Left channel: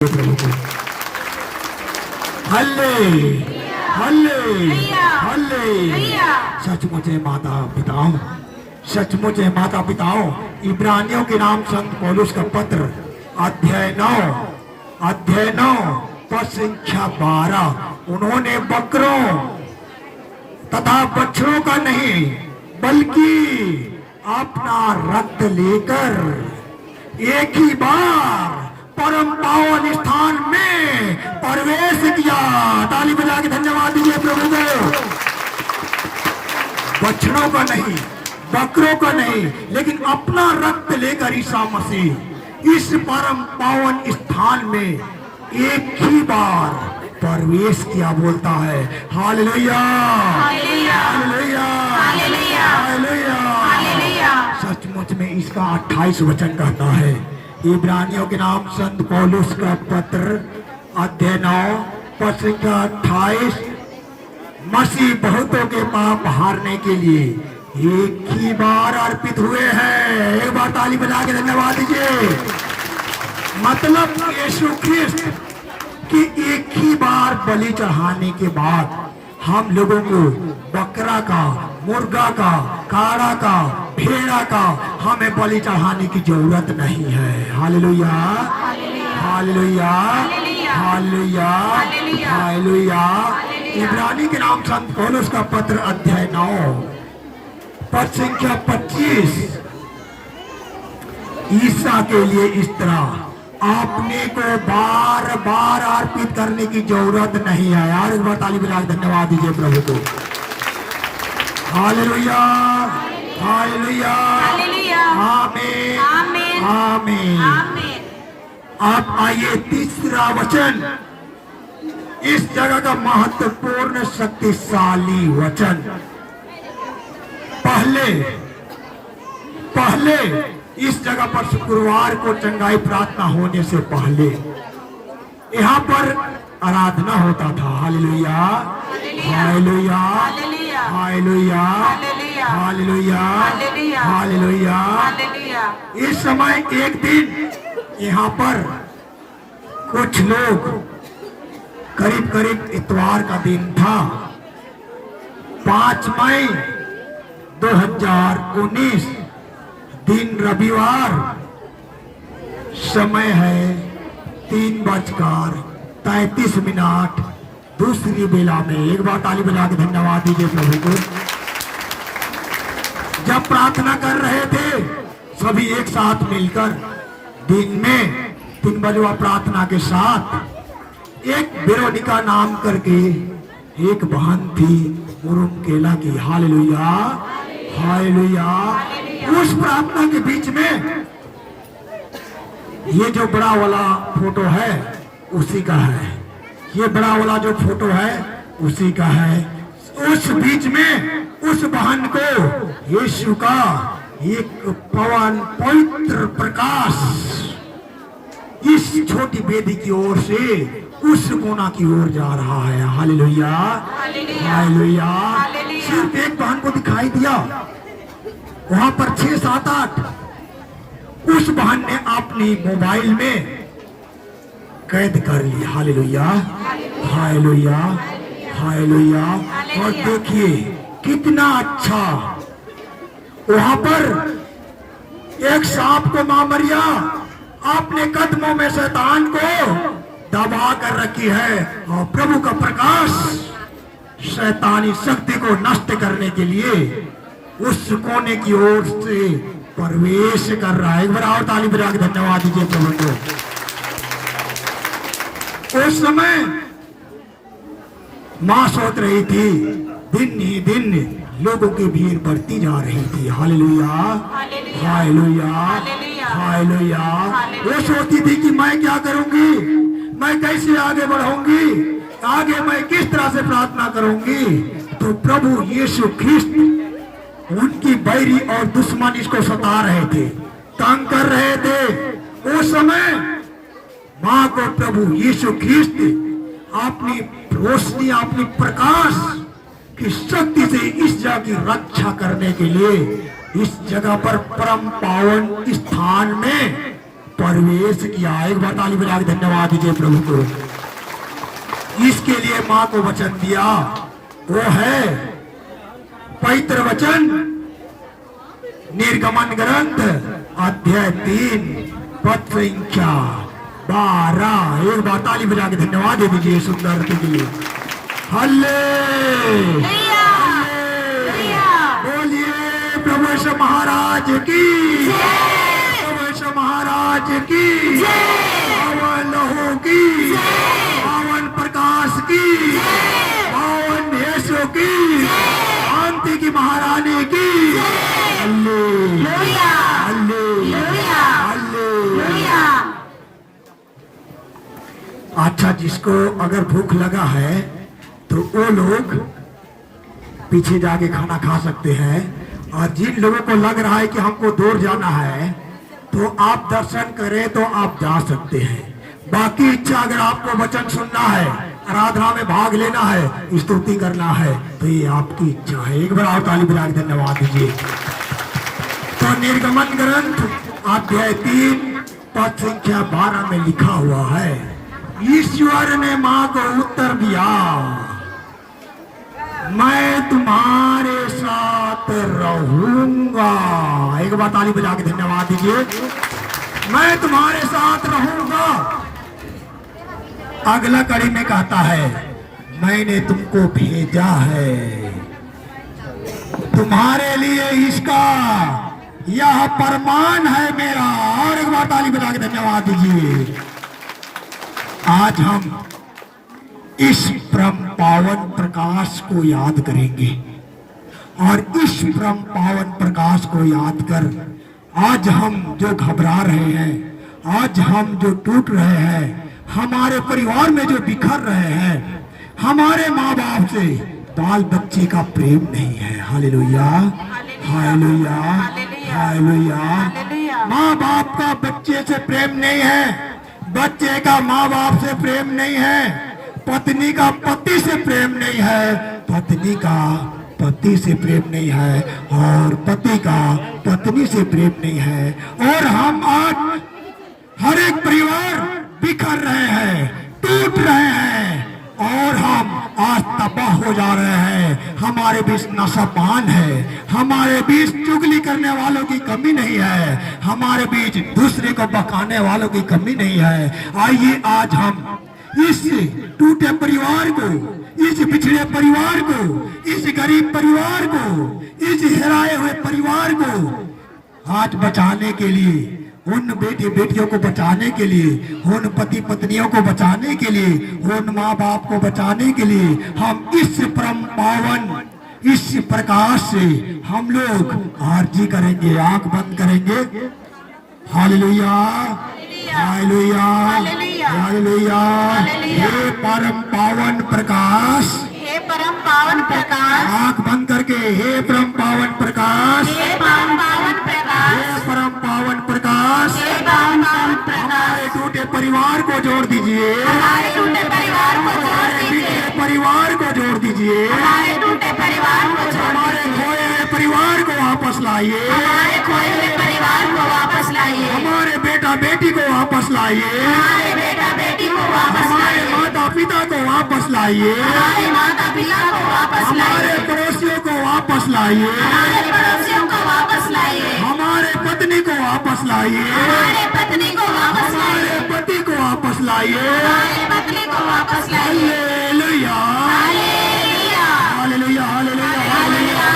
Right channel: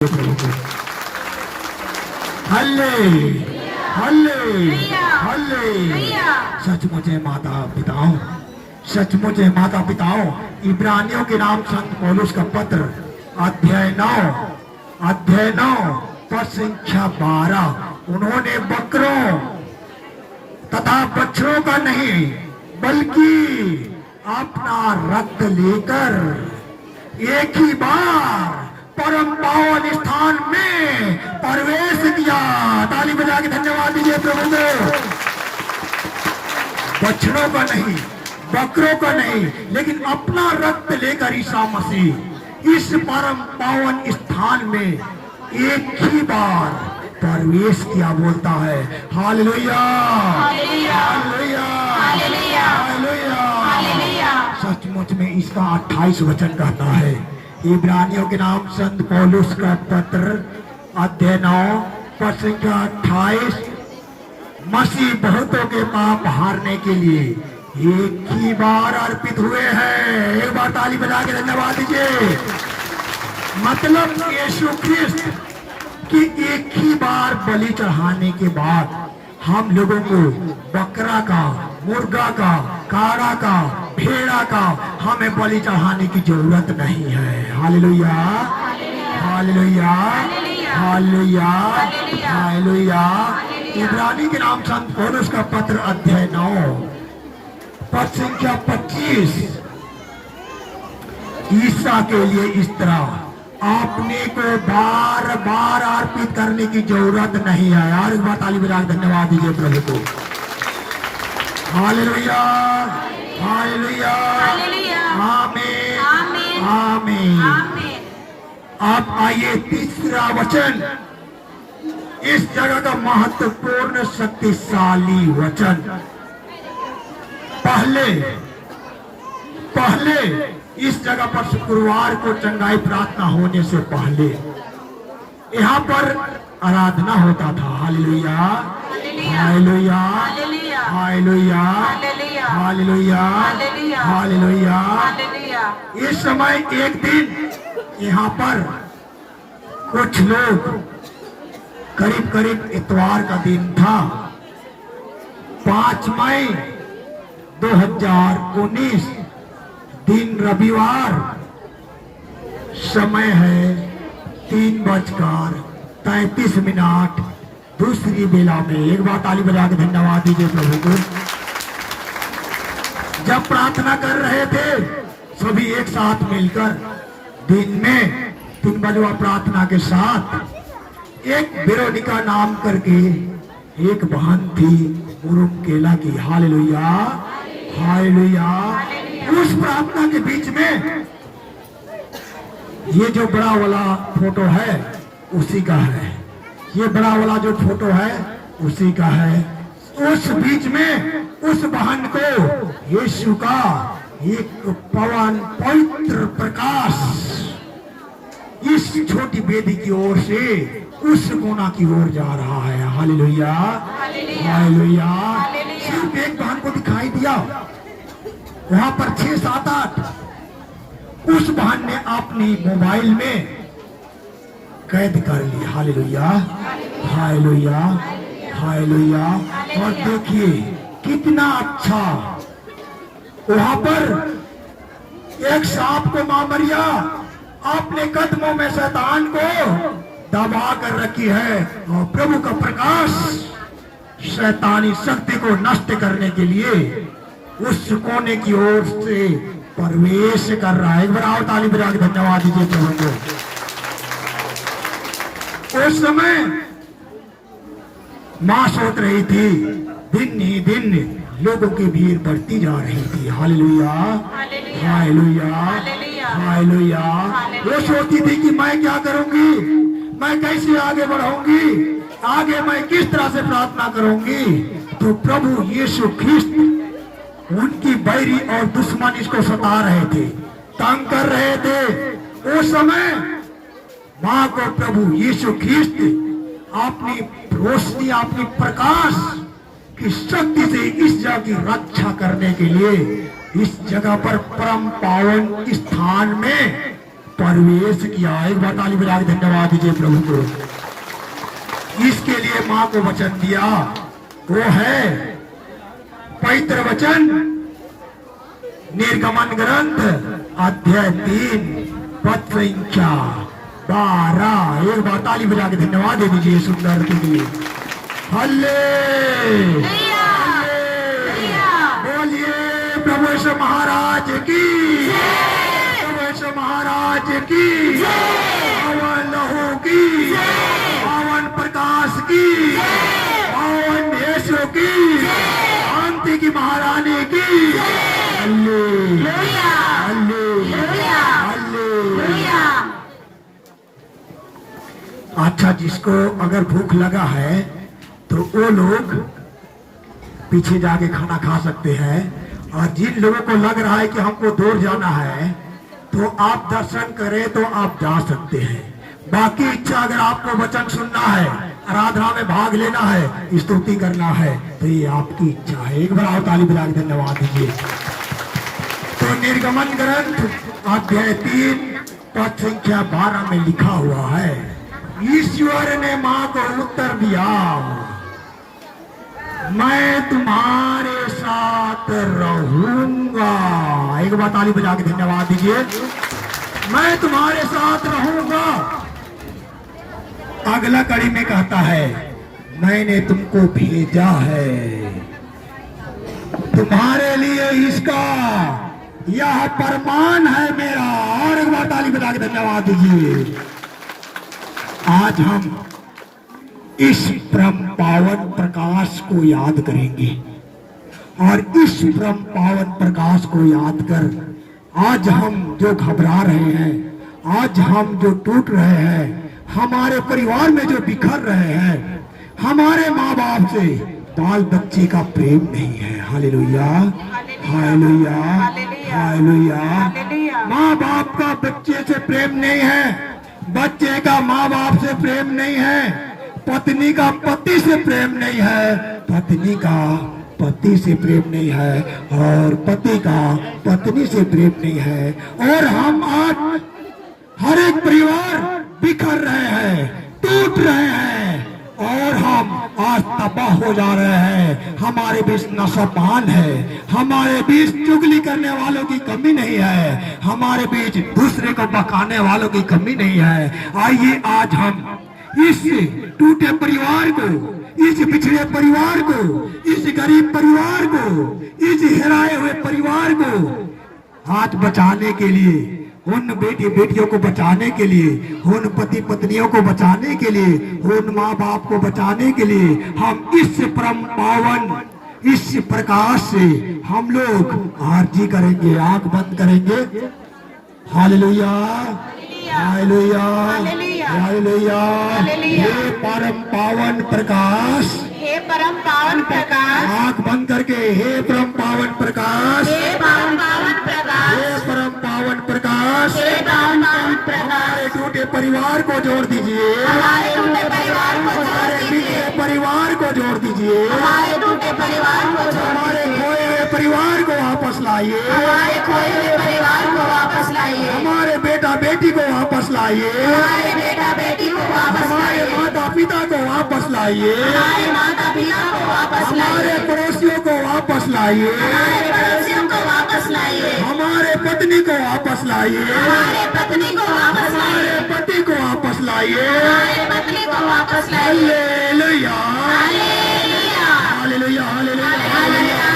हल्ले हल्ले हल्ले। सचमुच है माता पिताओं, सचमुच है माता पिताओं, इब्रानियों के नाम संत पौलुस का पत्र अध्याय 9 पद संख्या 12। उन्होंने बकरों तथा बछड़ों का नहीं बल्कि अपना रक्त लेकर एक ही बार परम पावन स्थान में प्रवेश किया। ताली बजा के धन्यवाद दीजिए प्रभु को। बछड़ों का नहीं, बकरों का नहीं, लेकिन अपना रक्त लेकर ईसा मसीह इस परम पावन स्थान में एक ही बार प्रवेश किया। बोलता है हालेलुया हालेलुया हालेलुया। सचमुच में इसका 28 वचन कहता है। इब्रानियों के नाम संत पौलुस का पत्र अध्याय 9 पद संख्या 28। मसीह बहुतों के पाप हारने के लिए एक ही बार अर्पित हुए हैं। एक बार ताली बजा के धन्यवाद दीजिए। मतलब यीशु ख्रिस्त कि एक ही बार बलि चढ़ाने के बाद हम लोगों को बकरा का, मुर्गा का, काड़ा का, भेड़ा का हमें बलि चढ़ाने की जरूरत नहीं है। Hallelujah hallelujah hallelujah hallelujah. इब्रानी के नाम संत पौलुस का पत्र अध्याय 9 पद संख्या 25। ईसा के लिए इस तरह आपने को बार बार अर्पित करने की जरूरत नहीं है। यार एक बार ताली बजा के धन्यवाद दीजिए प्रभु को। हालेलुया हालेलुया आमीन आमीन। अब आइए तीसरा वचन, इस जगह का महत्वपूर्ण शक्तिशाली वचन। पहले इस जगह पर शुक्रवार को चंगाई प्रार्थना होने से पहले यहाँ पर आराधना होता था। Hallelujah hallelujah hallelujah hallelujah hallelujah. इस समय एक दिन यहाँ पर कुछ लोग, करीब इतवार का दिन था, 5 मई 2019 दिन रविवार, समय है 3:33 दूसरी बेला में। एक बार ताली बजा के धन्यवाद दीजिए प्रभु को। जब प्रार्थना कर रहे थे सभी एक साथ मिलकर दिन में 3 बजे प्रार्थना के साथ, एक वेरोनिका नाम करके एक बहन थी मुरुमकेला की। Hallelujah hallelujah. उस प्रार्थना के बीच में ये जो बड़ा वाला फोटो है उसी का है, ये बड़ा वाला जो फोटो है उसी का है। उस बीच में उस बहन को यीशु का एक पवित्र प्रकाश इस छोटी बेदी की ओर से उस कोना की ओर जा रहा है। Hallelujah hallelujah. सिर्फ एक बहन को दिखाई दिया, वहां पर 6, 7, 8 उस बहन ने अपनी मोबाइल में कैद कर ली। Hallelujah hallelujah hallelujah. और देखिए कितना अच्छा, वहां पर एक सांप को मां मरिया अपने कदमों में शैतान को दबा कर रखी है, और प्रभु का प्रकाश शैतानी शक्ति को नष्ट करने के लिए उस कोने की ओर से प्रवेश कर रहा है। एक बार और ताली बजा के धन्यवाद दीजिए प्रभु को। उस समय मां सोच रही थी, दिन ही दिन लोगों की भीड़ बढ़ती जा रही थी। Hallelujah hallelujah hallelujah. वो सोचती थी कि मैं क्या करूंगी, मैं कैसे आगे बढ़ूंगी, आगे मैं किस तरह से प्रार्थना करूंगी। तो प्रभु यीशु ख्रिस्त, उनकी बैरी और दुश्मन इसको सता रहे थे, तंग कर रहे थे। उस समय मां को प्रभु यीशु ख्रिस्त अपनी रोशनी, अपनी प्रकाश की शक्ति से इस जगह की रक्षा करने के लिए इस जगह पर परम पावन स्थान में प्रवेश किया। एक बार ताली बजा के धन्यवाद दीजिए प्रभु को। इसके लिए मां को वचन दिया, वो है पवित्र वचन निर्गमन ग्रंथ अध्याय 3 पद संख्या 12। एक बार ताली बजा के धन्यवाद दे दीजिए सुंदर के लिए। हल्ले बोलिए प्रभु यीशु महाराज की, प्रभु यीशु महाराज की, पावन लहू की, पावन प्रकाश की, पावन यीशु की, शांति की महारानी की। Hallelujah, hallelujah, hallelujah. अच्छा, जिसको अगर भूख लगा है तो वो लोग पीछे जाके खाना खा सकते हैं, और जिन लोगों को लग रहा है कि हमको दूर जाना है तो आप दर्शन करें तो आप जा सकते हैं। बाकी इच्छा, अगर आपको वचन सुनना है, आराधना में भाग लेना है, स्तुति करना है, तो ये आपकी इच्छा है। एक बार आप ताली बजा के धन्यवाद दीजिए। तो निर्गमन ग्रंथ अध्याय 3 पद संख्या 12 में लिखा हुआ है, ईश्वर ने मां को उत्तर दिया, मैं तुम्हारे साथ रहूंगा। एक बार ताली बजा के धन्यवाद दीजिए। मैं तुम्हारे साथ रहूंगा। अगला कड़ी में कहता है, मैंने तुमको भेजा है तुम्हारे लिए, इसका यह प्रमाण है मेरा। और एक बार ताली बजा के धन्यवाद दीजिए। आज हम इस परम पावन प्रकाश को याद करेंगे, और इस परम पावन प्रकाश को याद कर आज हम जो घबरा रहे हैं, आज हम जो टूट रहे हैं, हमारे परिवार में जो बिखर रहे हैं, हमारे माँ बाप से बाल बच्चे का प्रेम नहीं है। Hallelujah, hallelujah, hallelujah. माँ बाप का बच्चे से प्रेम नहीं है, बच्चे का माँ बाप से प्रेम नहीं है, पत्नी का पति से प्रेम नहीं है, पत्नी का पति से प्रेम नहीं है, और पति का पत्नी से प्रेम नहीं है। और हम आज हर एक परिवार बिखर रहे हैं, टूट रहे हैं, और हम आज तबाह हो जा रहे हैं। हमारे बीच नशापान है, हमारे बीच चुगली करने वालों की कमी नहीं है, हमारे बीच दूसरे को बकाने वालों की कमी नहीं है। आइए आज हम इस टूटे परिवार को, इस बिछड़े परिवार को, इस गरीब परिवार को, इस हेराए हुए परिवार को आज बचाने के लिए, उन बेटी बेटियों को बचाने के लिए, उन पति पत्नियों को बचाने के लिए, उन माँ बाप को बचाने के लिए हम इस परम पावन, इस प्रकाश से हम लोग आरजी करेंगे, आंख बंद करेंगे। Hallelujah, hallelujah, hallelujah. हे परम पावन प्रकाश, हे परम पावन प्रकाश, आंख बंद करके, हे परम पावन प्रकाश, हे परम पावन प्रकाश, हे परम पावन प्रकाश, हे परम पावन प्रकाश। हमारे टूटे परिवार को जोड़ दीजिए, हमारे टूटे परिवार को जोड़ दीजिए, परिवार को जोड़ दीजिए, हमारे टूटे परिवार को जोड़ हमारे दीजिए, खोए हुए परिवार को वापस लाइए, हमारे खोए हुए परिवार को वापस लाइए, हमारे बेटा बेटी को वापस लाइए, हमारे बेटा बेटी को वापस हमारे लाइए, माता पिता को वापस लाइए, हमारे माता पिता को वापस हमारे लाइए, पड़ोसियों को वापस लाइए, हमारे पड़ोसियों को वापस लाइए, हमारे पत्नी को वापस लाइए, हमारे पत्नी को वापस लाइए, हमारे पति को वापस लाइए। हमारे पत्नी को वापस लाइए। Hallelujah, hallelujah, hallelujah, hallelujah.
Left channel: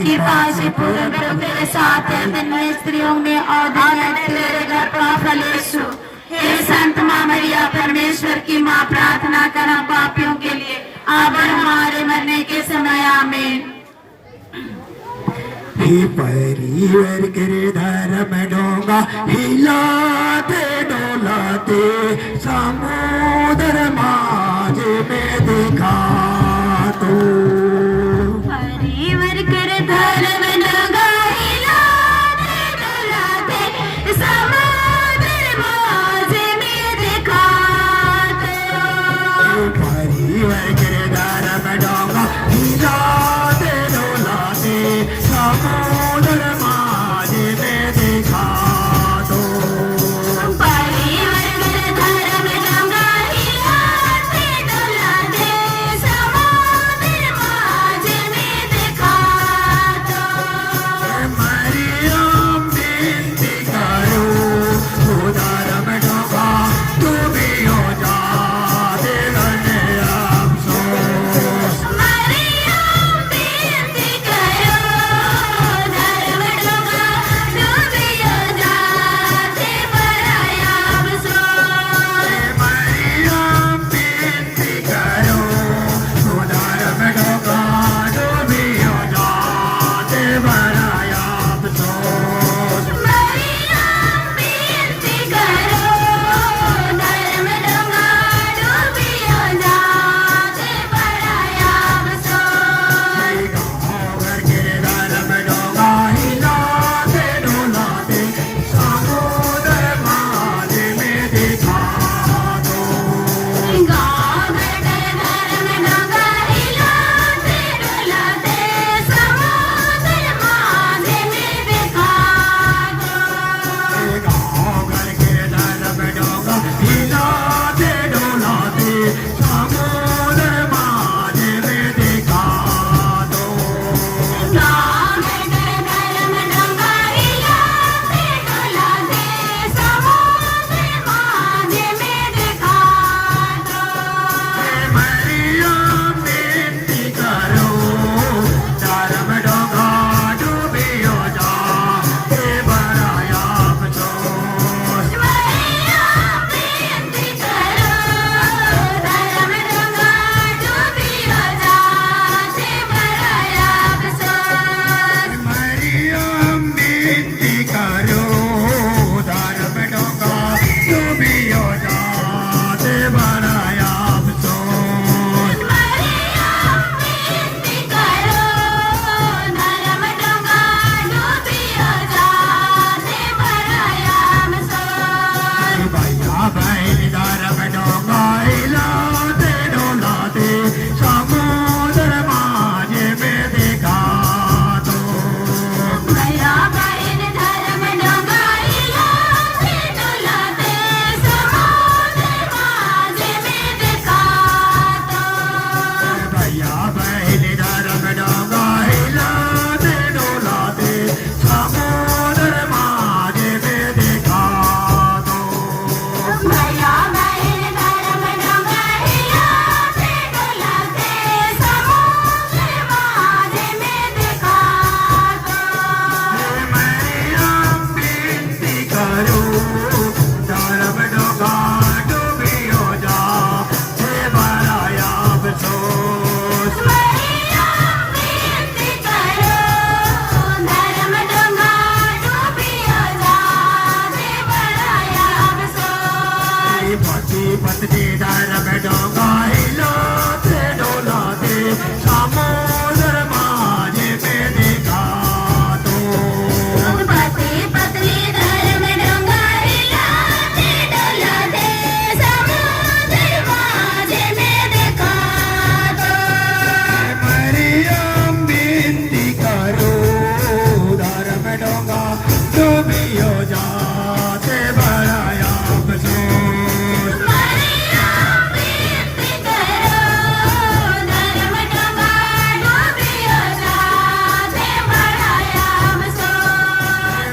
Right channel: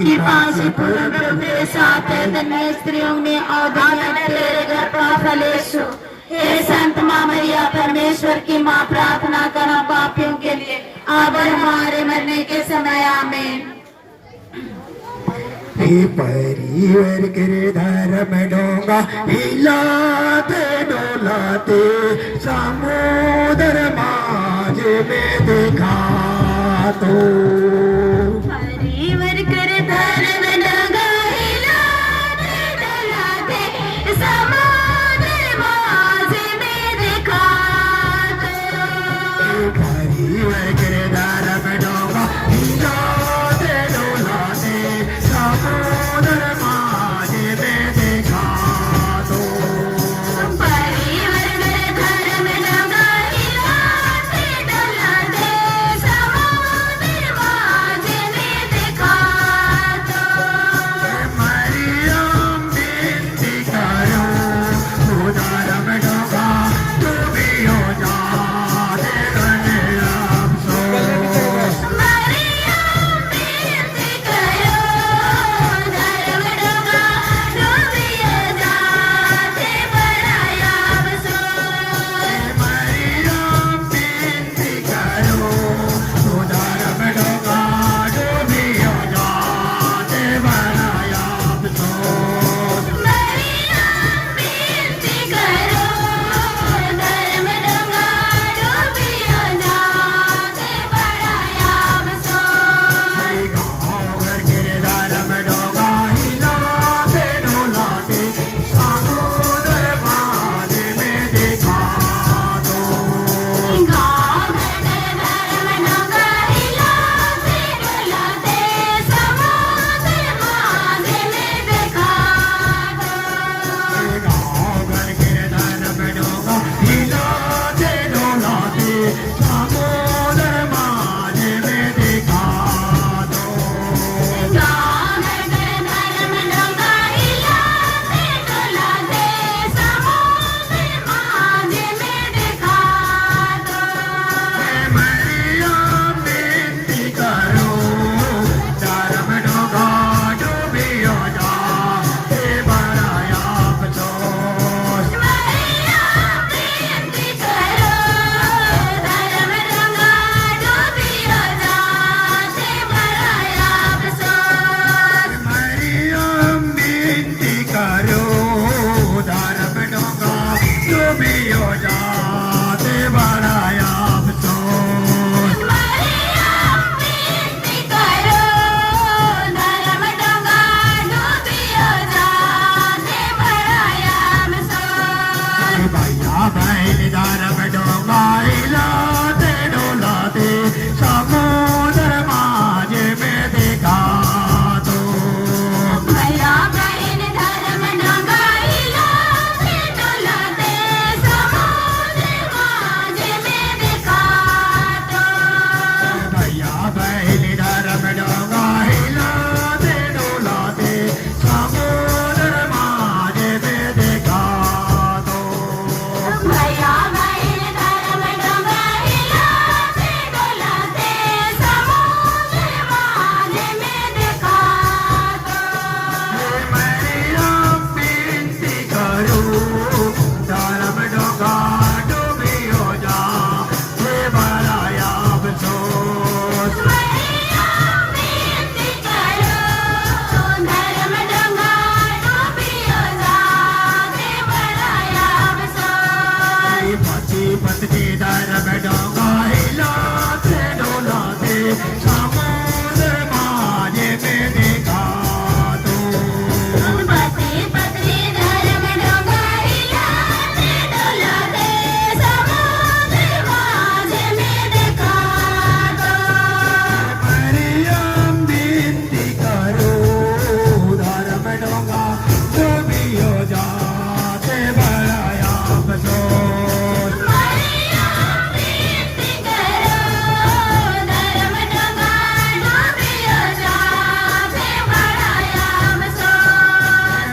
कृपा से पूर्ण प्रभु तेरे साथ है, धन्य स्त्रियों में और धन्य तेरे गर्भ का फल यीशु। हे संत माँ मरिया, परमेश्वर की माँ, प्रार्थना करना पापियों के लिए, अब और हमारे मरने के समय। आमीन। हे परिवार के धर्म डोंगा हिलाते डोलाते समुद्र माझे में दिखा तो परिवार कर धर्म डोंगा हिलाते डोलाते पत्नी डर में डोंगा हिलाते डोलाते समुद्र माझे में देखा तो पति पत्नी घर में डोंगा हिलाते डोलाते समुद्र माझे में देखा तो मरियम विनती करो उधर में डोंगा डूबियो जाते बड़ा अफसोस मरियम विनती करो धर्म डोंगा डूबियो जाते बड़ा अफसोस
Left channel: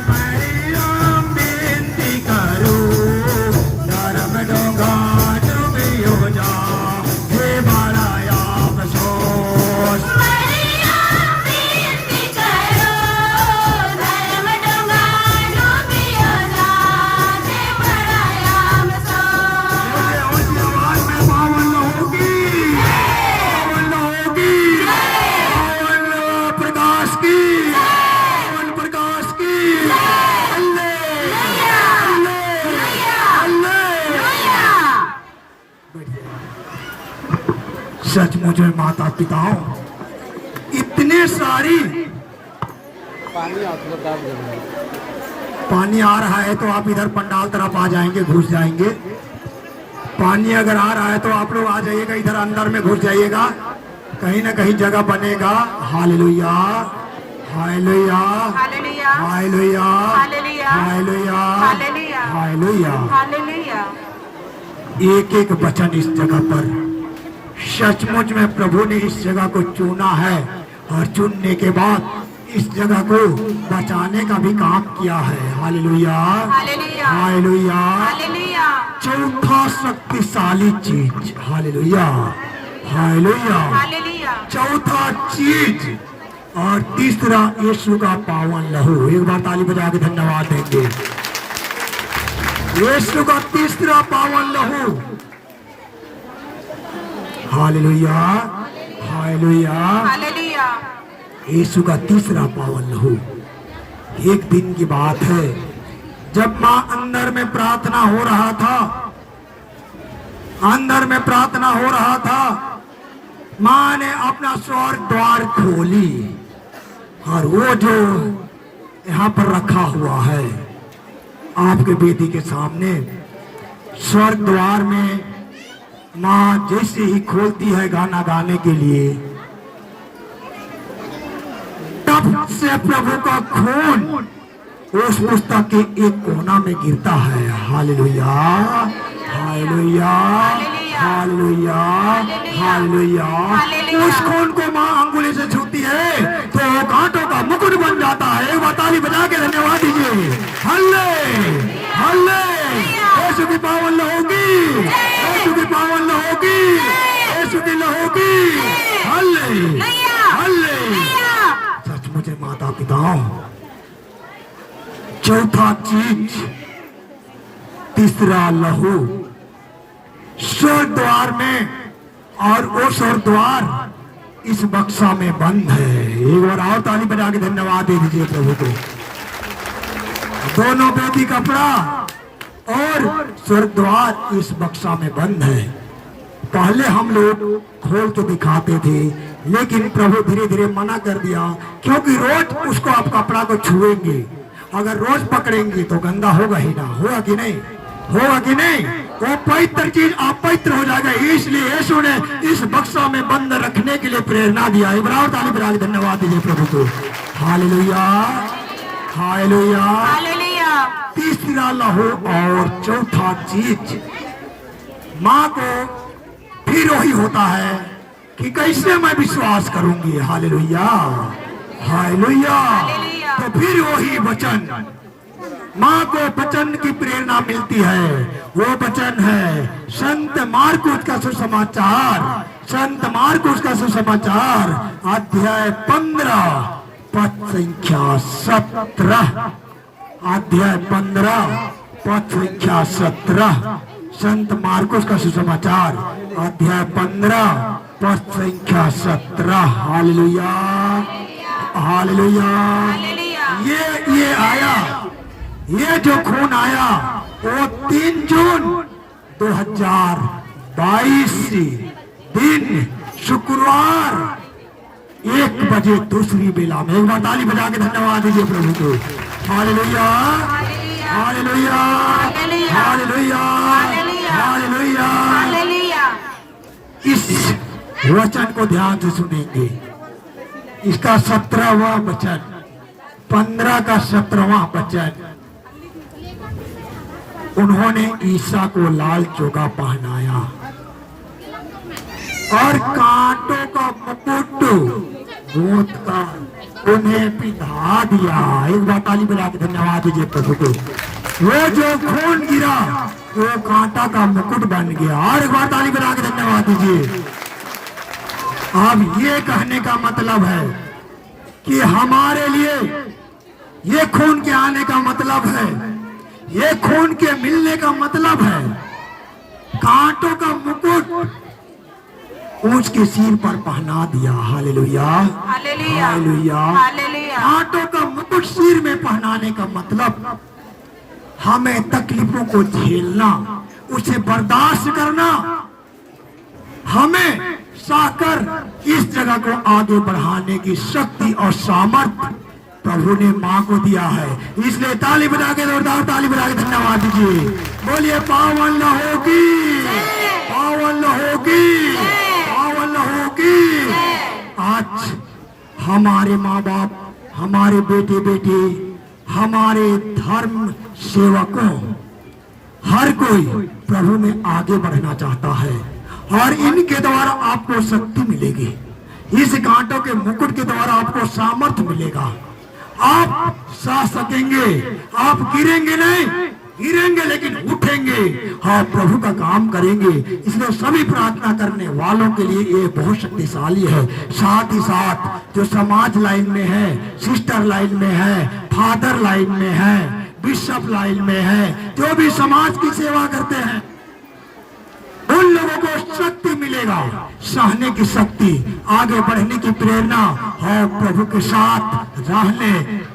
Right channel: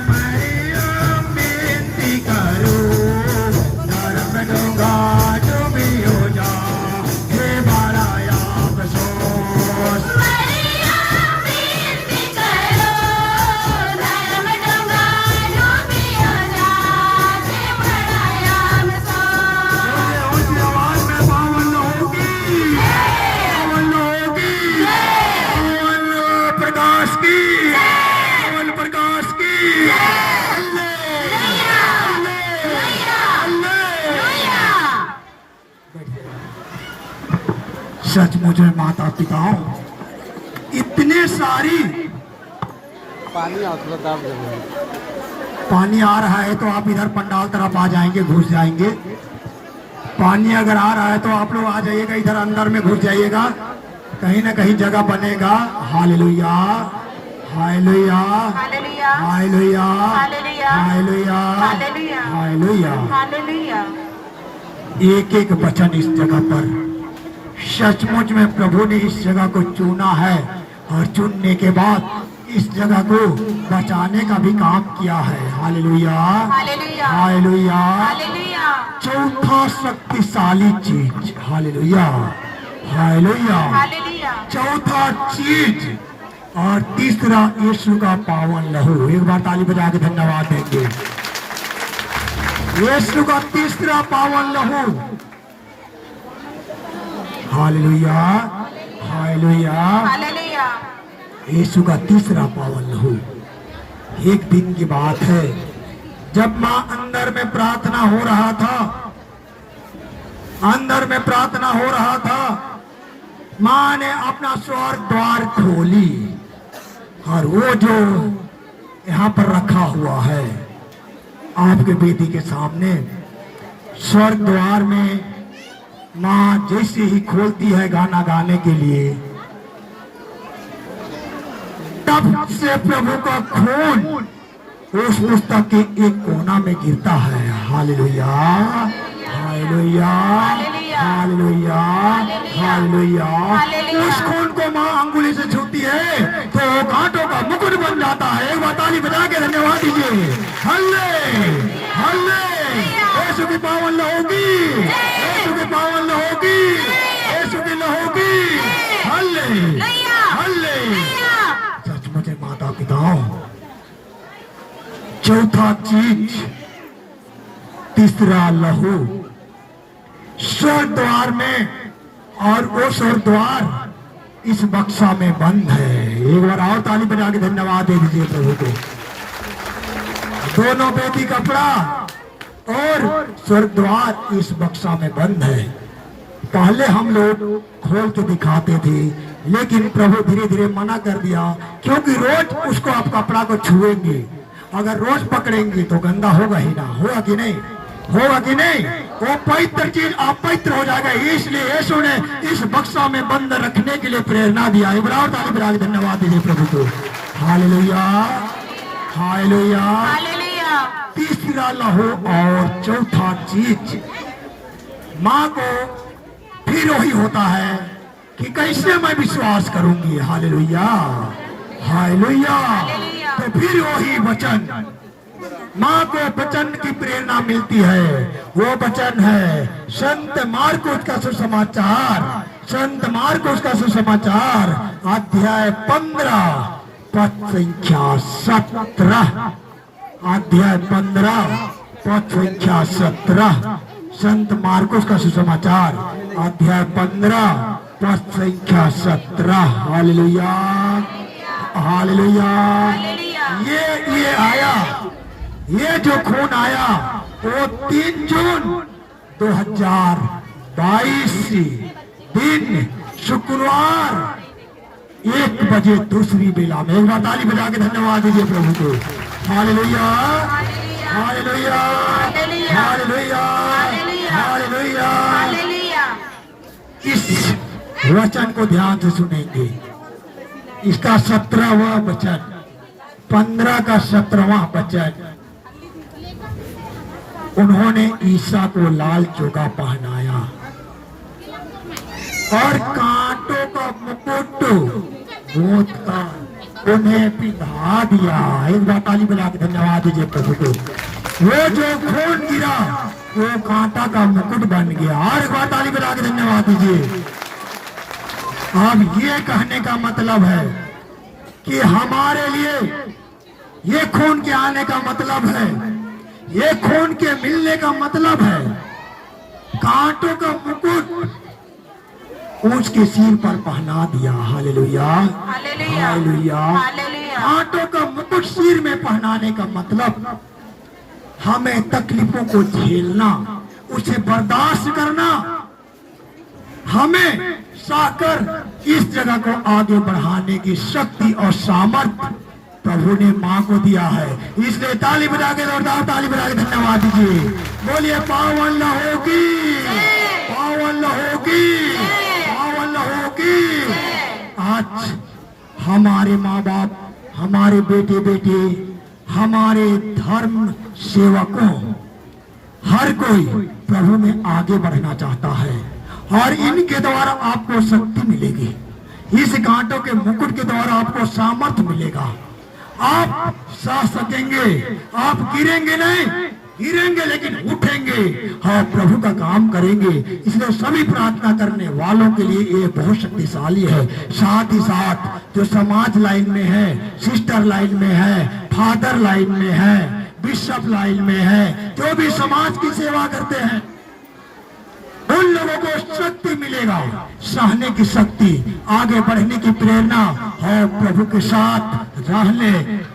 मरियम विनती करो उधर में डोंगा डूबियो जाते बड़ा अफसोस मरियम विनती करो धर्म डोंगा डूबियो जाते बड़ा अफसोस उसकी आवाज में पावन होगी पावन प्रकाश की पावन प्रकाश की सचमुच में माता पिताओं इतने सारी पानी आता दाब देंगे। पानी आ रहा है तो आप इधर पंडाल तरफ आ जाएंगे, घुस जाएंगे। पानी अगर आ रहा है तो आप लोग आ जाइएगा, इधर अंदर में घुस जाइएगा, कहीं ना कहीं जगह बनेगा। Hallelujah hallelujah hallelujah hallelujah hallelujah hallelujah hallelujah hallelujah. Hallelujah एक एक वचन इस जगह पर सचमुच में प्रभु ने इस जगह को चुना है और चुनने के बाद इस जगह को बचाने का भी काम किया है। Hallelujah hallelujah hallelujah. हालेलुया चौथा शक्तिशाली चीज, हालेलुया हालेलुया, हालेलुया चौथा चीज और तीसरा यीशु का पावन लहू। एक बार ताली बजा के धन्यवाद देंगे। यीशु का तीसरा पावन लहू, हालेलुया हालेलुया। हालेलुया यीशु का तीसरा पावन लहू। एक दिन की बात है जब मां अंदर में प्रार्थना हो रहा था, अंदर में प्रार्थना हो रहा था, मां ने अपना स्वर्ग द्वार खोली और वो जो यहाँ पर रखा हुआ है आपके बेटी के सामने, स्वर्ग द्वार में मां जैसे ही खोलती है गाना गाने के लिए, तब से प्रभु का खून उस पुस्तक के एक कोना में गिरता है। Hallelujah hallelujah hallelujah hallelujah. उस खून को मां अंगुली से छूती है तो वो कांटों का मुकुट बन जाता है। एक बार ताली बजा के धन्यवाद दीजिए। हल्ले हल्ले। यीशु की पावन लहोगी, यीशु की पावन लहोगी, यीशु की लहोगी। हल्ले हल्ले। सचमुच माता पिताओं, चौथा चीज, तीसरा लहू स्वर्ग द्वार में, और वो स्वर्ग द्वार इस बक्सा में बंद है। एक बार और ताली बजा के धन्यवाद दे दीजिए प्रभु को। दोनों बेटी कपड़ा और स्वर्ग द्वार इस बक्सा में बंद है। पहले हम लोग खोल के दिखाते थे, लेकिन प्रभु धीरे धीरे मना कर दिया, क्योंकि रोज उसको आप कपड़ा को छुएंगे, अगर रोज पकड़ेंगे तो गंदा होगा ही ना, होगा कि नहीं, होगा कि नहीं, वो पवित्र चीज अपवित्र हो जाएगा। इसलिए यीशु ने इस बक्सा में बंद रखने के लिए प्रेरणा दिया। इब्राहिम ताली बजा के धन्यवाद दीजिए प्रभु को। Hallelujah hallelujah. हालेलुया। तीसरा लहू और चौथा चीज, माँ को फिर वही होता है कि कैसे मैं विश्वास करूंगी। Hallelujah hallelujah. तो फिर वही वचन, माँ को वचन की प्रेरणा मिलती है। वो वचन है संत मार्कुस का सुसमाचार, संत मार्कुस का सुसमाचार अध्याय 15 पद संख्या 17, अध्याय 15 पद संख्या 17, संत मार्कुस का सुसमाचार अध्याय 15 पद संख्या 17। Hallelujah hallelujah. ये आया, ये जो खून आया वो 3 जून 2022 दिन शुक्रवार 1 बजे दूसरी बेला में। एक बार ताली बजा के धन्यवाद दीजिए प्रभु को। Hallelujah, hallelujah, hallelujah, hallelujah. इस वचन को ध्यान से सुनेंगे। इसका 17वां वचन, 15 का 17वां वचन। उन्होंने ईसा को लाल चोगा पहनाया और कांटों का मुकुट गोद का उन्हें पिधा दिया। एक बार ताली बजा के धन्यवाद दीजिए प्रभु को। वो जो खून गिरा वो कांटा का मुकुट बन गया। और एक बार ताली बजा के धन्यवाद दीजिए। अब ये कहने का मतलब है कि हमारे लिए ये खून के आने का मतलब है, ये खून के मिलने का मतलब है, कांटों का मुकुट ऊंच के सिर पर पहना दिया। Hallelujah, hallelujah. कांटों का मुकुट सिर में पहनाने का मतलब हमें तकलीफों को झेलना, उसे बर्दाश्त करना, हमें साकर इस जगह को आगे बढ़ाने की शक्ति और सामर्थ्य प्रभु ने मां को दिया है। इसलिए ताली बजा के, जोरदार ताली बजा के धन्यवाद दीजिए। बोलिए पावन लहू की, पावन लहू की, पावन लहू की। आज हमारे माँ बाप, हमारे बेटे बेटे, हमारे धर्म सेवकों, हर कोई प्रभु में आगे बढ़ना चाहता है और इनके द्वारा आपको शक्ति मिलेगी। इस कांटों के मुकुट के द्वारा आपको सामर्थ्य मिलेगा। आप सह सकेंगे, आप गिरेंगे नहीं, गिरेंगे लेकिन उठेंगे और प्रभु का काम करेंगे। इसलिए सभी प्रार्थना करने वालों के लिए ये बहुत शक्तिशाली है। साथ ही साथ जो समाज लाइन में है, सिस्टर लाइन में है, फादर लाइन में है, बिशप लाइन में है, जो भी समाज की सेवा करते हैं, उन लोगों को शक्ति मिलेगा, सहने की शक्ति, आगे बढ़ने की प्रेरणा और प्रभु के साथ रहने,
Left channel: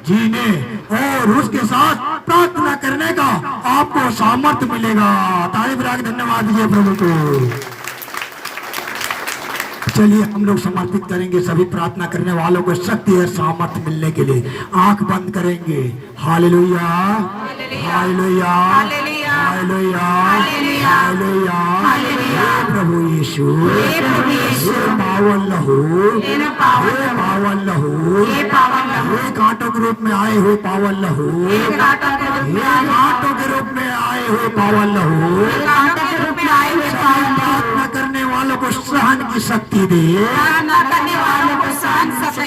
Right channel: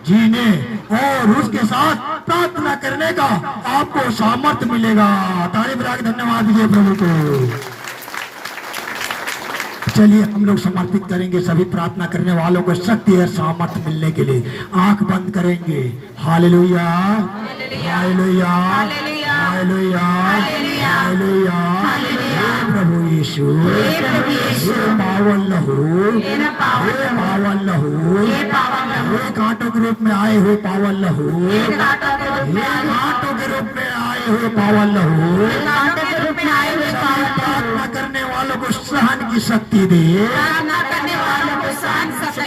जीने और उसके साथ प्रार्थना करने का आपको सामर्थ्य मिलेगा। ताली बजा के धन्यवाद दीजिए प्रभु को। चलिए हम लोग समर्पित करेंगे सभी प्रार्थना करने वालों को शक्ति और सामर्थ्य मिलने के लिए। आंख बंद करेंगे। Hallelujah, hallelujah, hallelujah, hallelujah. प्रभु यीशु, पावन लहू, पावन लहू, ये कांटों के रूप में आए हुए पावन लहू, ये कांटों के रूप में आए हुए पावन लहू, प्रार्थना करने वालों को सहन की शक्ति दे,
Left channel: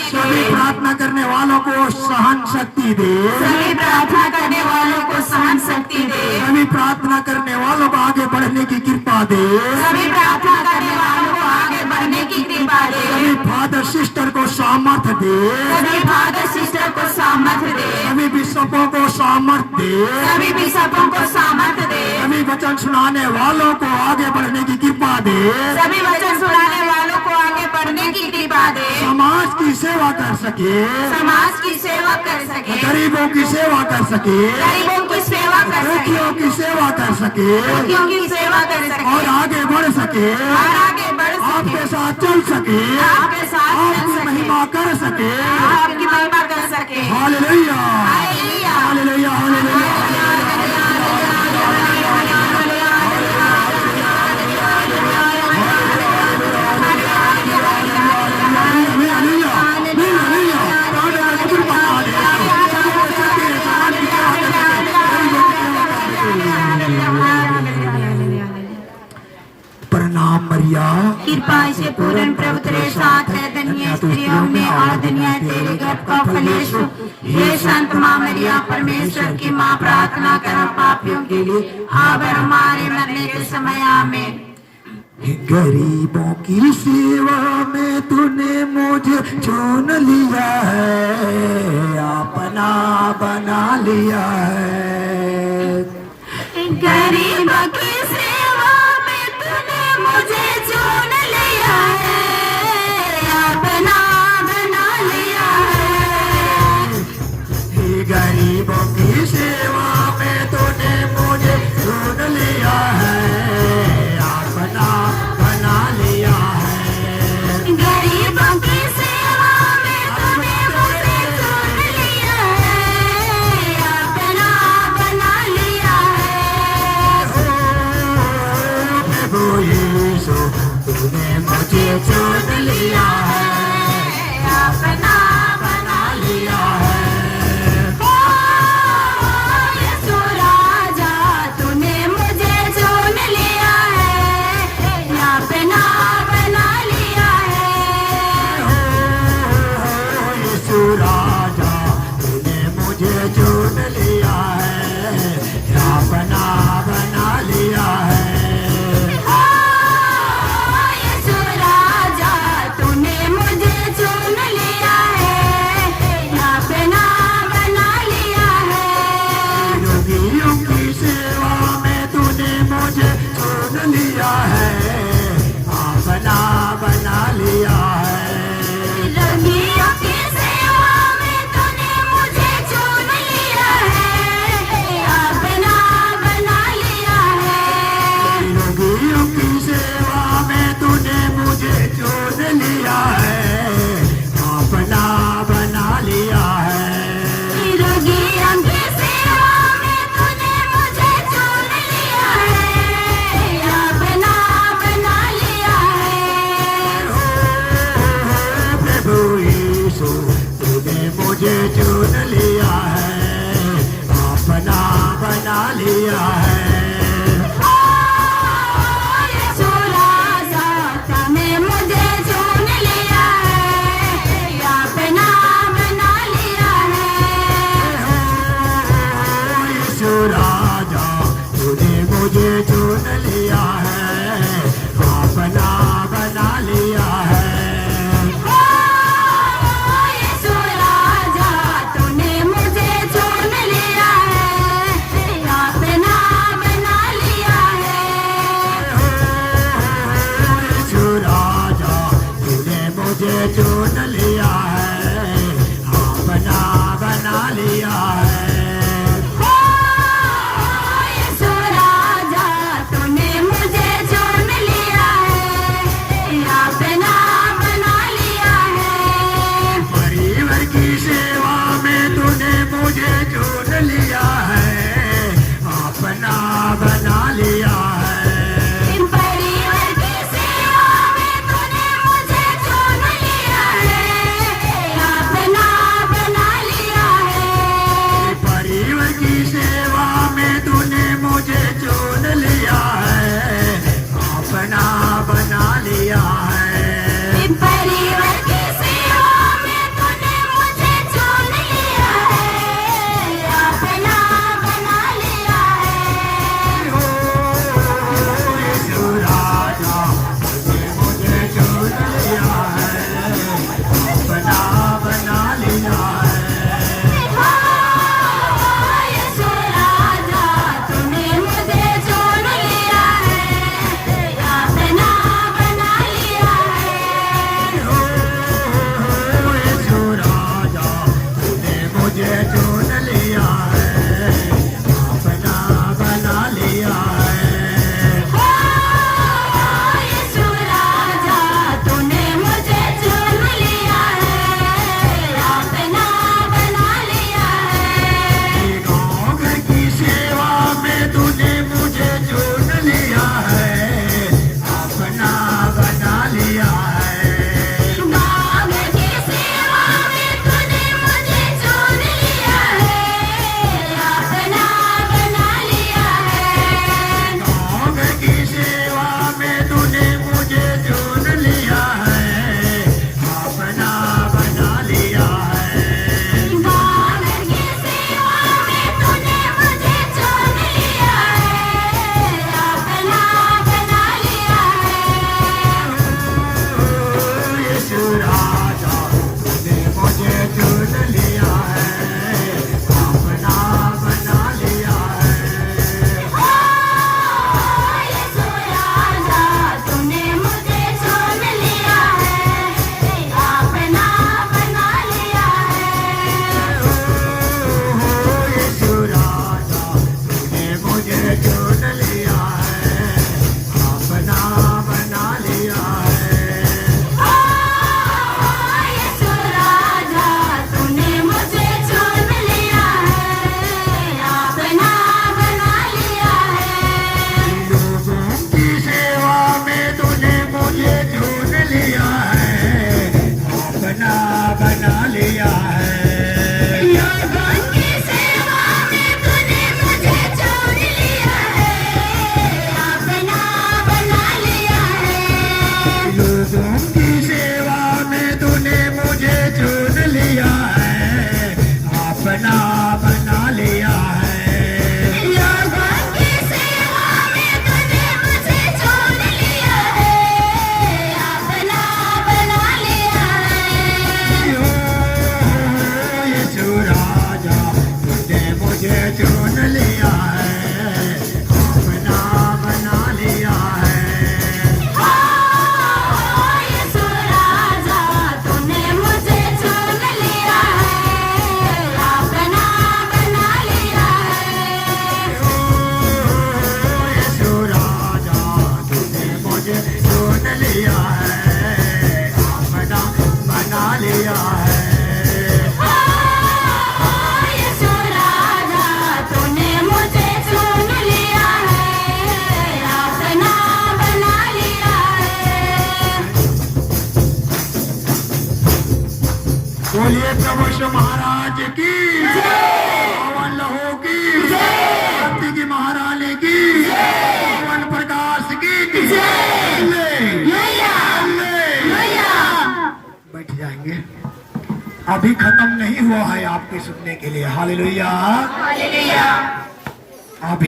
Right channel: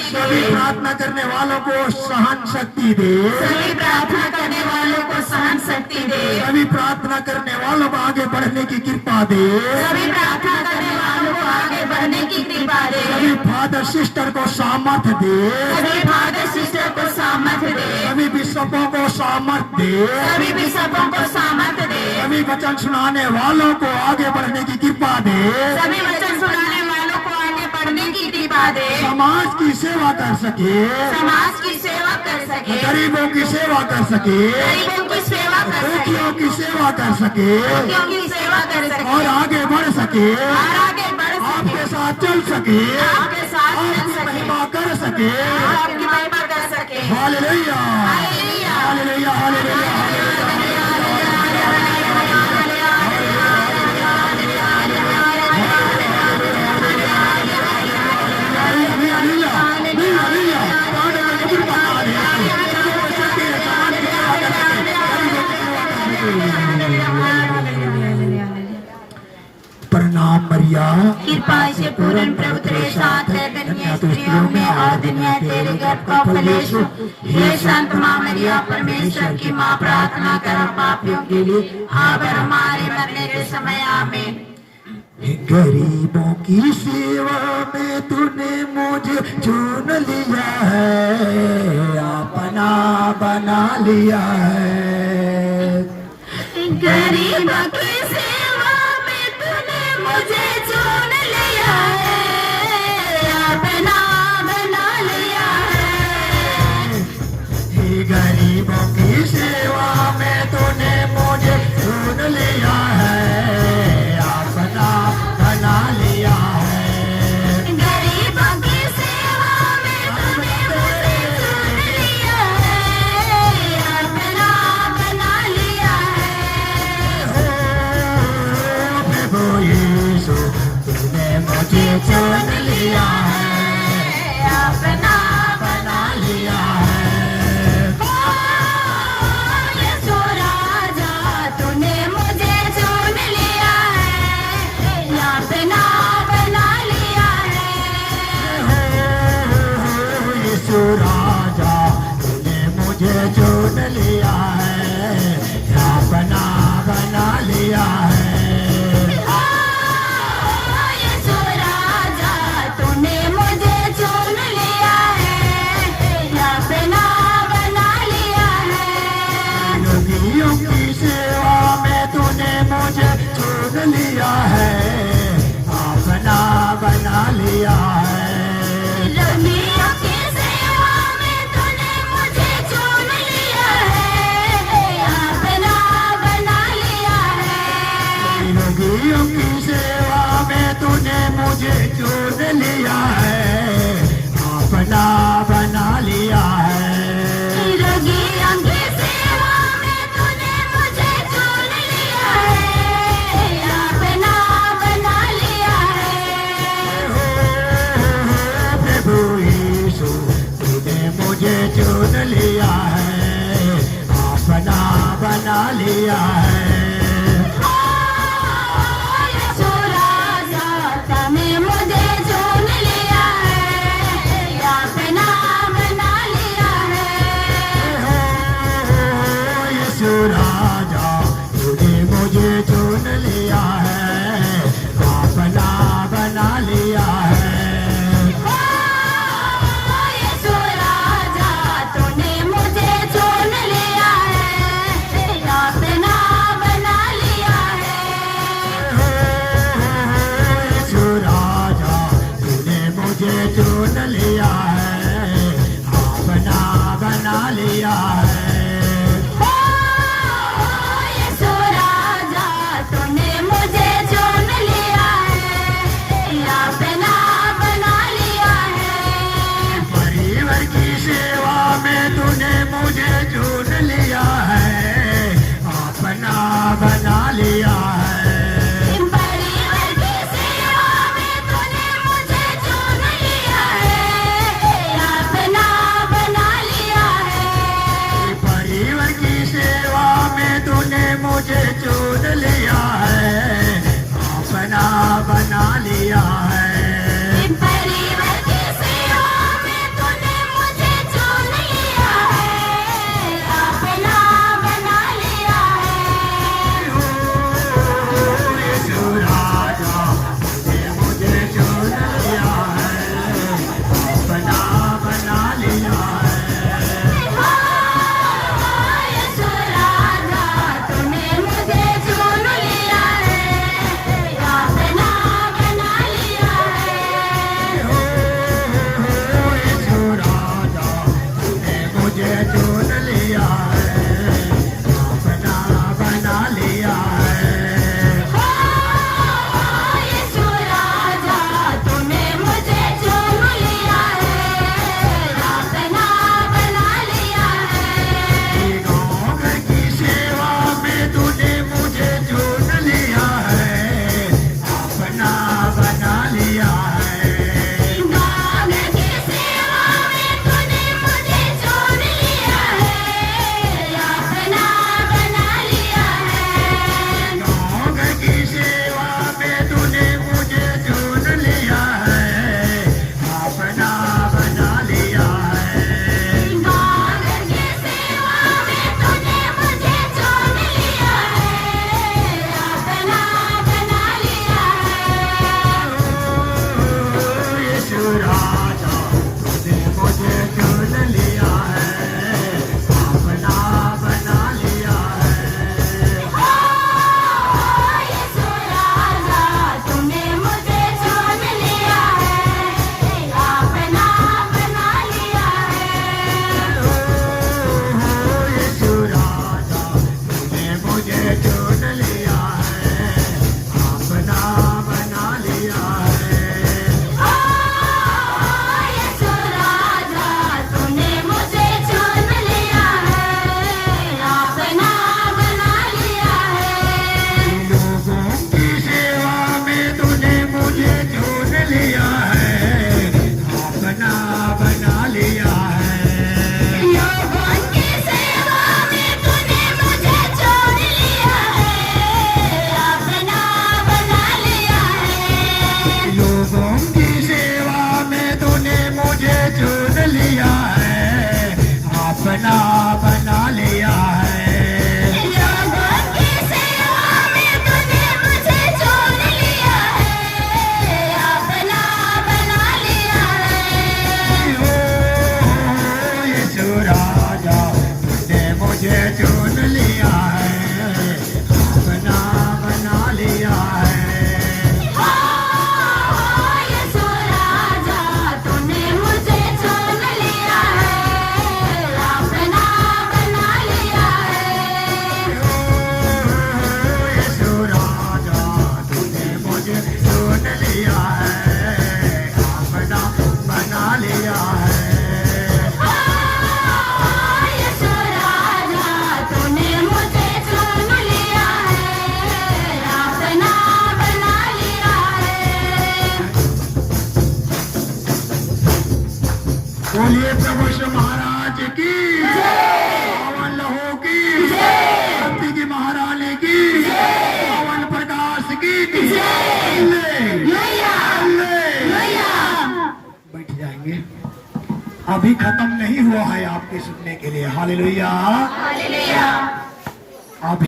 सभी प्रार्थना करने वालों को सहन शक्ति दे, सभी प्रार्थना करने वालों को सहन शक्ति दे, सभी प्रार्थना करने वालों को आगे बढ़ने की कृपा दे, सभी प्रार्थना करने वालों को आगे बढ़ने की कृपा दे, सभी फादर सिस्टर को सामर्थ्य दे, सभी फादर सिस्टर को सामर्थ्य दे, सभी बिशपों को सामर्थ्य दे, सभी बिशपों को सामर्थ्य दे, सभी वचन सुनाने वालों को आगे बढ़ने की कृपा दे, सभी वचन सुनाने वालों को आगे बढ़ने की कृपा दे, समाज की सेवा कर सके, समाज की सेवा कर सके, गरीबों की सेवा कर सके, गरीबों की सेवा कर सके, दुखियों की सेवा कर सके दुखियों की सेवा कर सके और आगे बढ़ सके, और आगे बढ़ सके, आपके साथ चल सके, आपके साथ चल आपकी सके, महिमा कर सके। आपकी महिमा कर सके। Hallelujah, hallelujah, hallelujah. प्रणाम मरिया, कृपा से पूर्ण प्रभु तेरे साथ है, धन्य स्त्रियों में और धन्य तेरे गर्भ का फल यीशु। हे संत मां मरिया, परमेश्वर की मां, प्रार्थना करो पापियों के लिए, अब और हमारे मरने के समय आमीन। गरीबों की सेवा में तूने मुझे चुन लिया है, अपना बना लिया है। गरीबों की सेवा में तूने मुझे चुन लिया है, अपना बना लिया है। गरीबों की सेवा में तूने मुझे चुन लिया है, रोगियों की सेवा में तूने मुझे चुन लिया है, अपना बना लिया है। रोगियों की सेवा में तूने मुझे चुन लिया है, अपना बना लिया है। प्रभु यीशु तूने मुझे चुन लिया है, अपना बना लिया है। यीशु राजा तूने मुझे चुन लिया है, अपना बना लिया है। यीशु राजा तूने मुझे चुन लिया है, अपना बना लिया है। यीशु राजा तूने मुझे चुन लिया है, अपना बना लिया है। यीशु राजा तूने मुझे चुन लिया है, अपना बना लिया है। यीशु राजा तूने मुझे बोलिए प्रभु यीशु महाराज की पवन लहो की शक्ति की महारानी की पवन प्रकाश की बैठ जाएंगे। अभी खत्म नहीं हुआ है आपके सुनने के लिए। हालेलुया। हालेलुया। अभी